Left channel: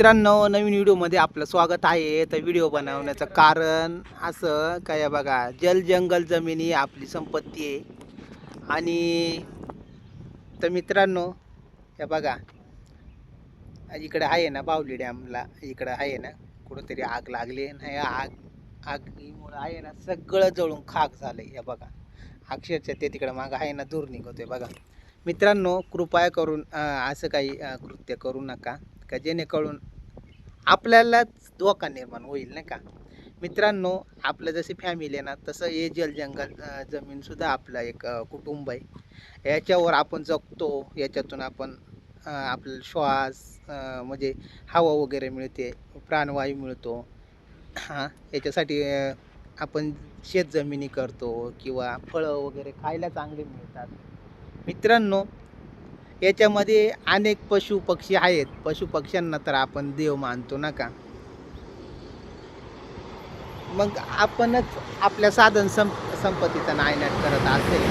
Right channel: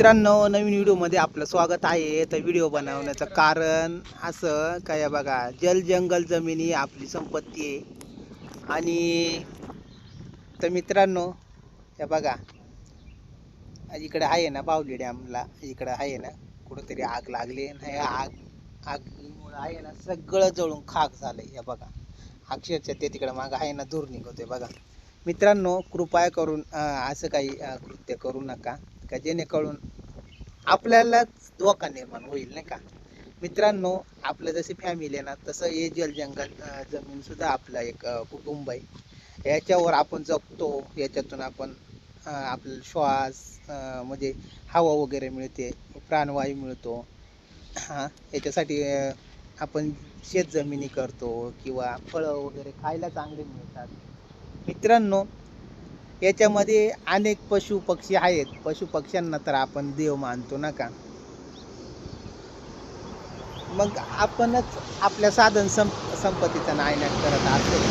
मित्रांनो, नवीन व्हिडिओमध्ये आपलं स्वागत आहे. तर व्हिडिओ बनवण्याचं कारण असं काय बघा, जल जंगल जमिनी आपली संपत्ती आहे. आणि तर मित्रांनो, हे बघा, इकडे आहे ना बावली डॅमला, इकडे आहे ना कुठंतरी आग लागली नाही. आगीमुळे आहे ना सगळं जळून खाक झालंय. हे बघा, अक्षरशः ते तिकडे मागं आहे ना धूर निघतोय बघा. मित्रांनो, कृपया करून असं काही कृत्य करू नका का जेणेकरून आपल्यालाच धोका निर्माण होईल, नाही का. मित्रांनो, आपलं जशी फॅमिली आहे ना तसं हे जलजंगल जमीन सुद्धा आपलं एक कुटुंब आहे. याच्यावर आपण जगतो, याच्यातून आपण आपल्याला श्वास म्हणजे हवा वगैरे मिळते, प्राणवायू मिळतो. हां, याच्यासाठी आपण शेतजमिनी करतो किंवा फळं वगैरे खायला चांगले मिळतात. मित्रांनो, याच्यामध्ये अनेक पशु पक्षी आहेत. पशु पक्ष्यांना तर आपण देव मानतो ना का. मग आपणच आपल्या साधन संपत्तीचा नायनाट करत असेल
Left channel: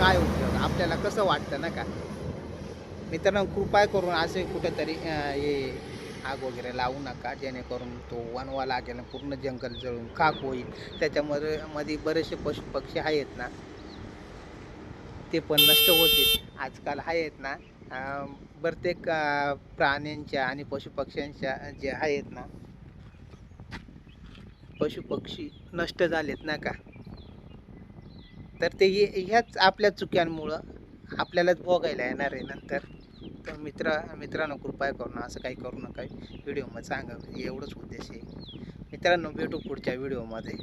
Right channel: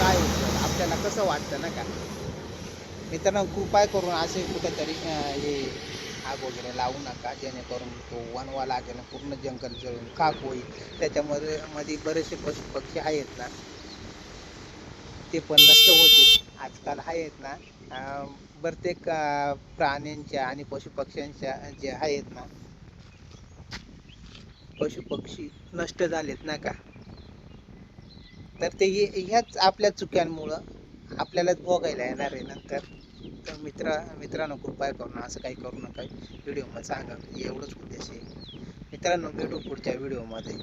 काय उपयोग, आपल्याला कसं वाटतं ना का. मित्रांनो, कृपया करून असे कुठेतरी हे आग वगैरे लावू नका, जेणेकरून तो वणवा लागेल, पूर्ण जंगल जळून खाक होईल. त्याच्यामध्ये बरेचसे पशु पक्षी आहेत ना, ते पण नष्ट होतील. आजकाल आहेत ना प्रत्येक प्राण्यांच्या आणि पशुपक्ष्यांच्या जे आहेत ना पशुपक्षी नष्ट झालेत ना का. तर ते ह्याच आपल्या चुक्यांमुळं आपल्यालाच भोगायला येणार आहे नंतर. तर मित्रांनो, कृपया करून असं काही करू नका. व्हिडिओमध्ये सांगा एवढंच उद्देश आहे. मित्रांनो, भेटू पुढच्या व्हिडिओमध्ये.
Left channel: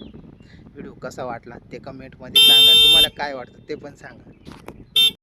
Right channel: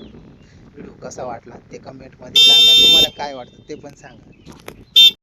व्हिडिओ कसा वाटला ते कमेंटमध्ये सांगा. तुम्हाला काय वाटतं ते पण सांगा.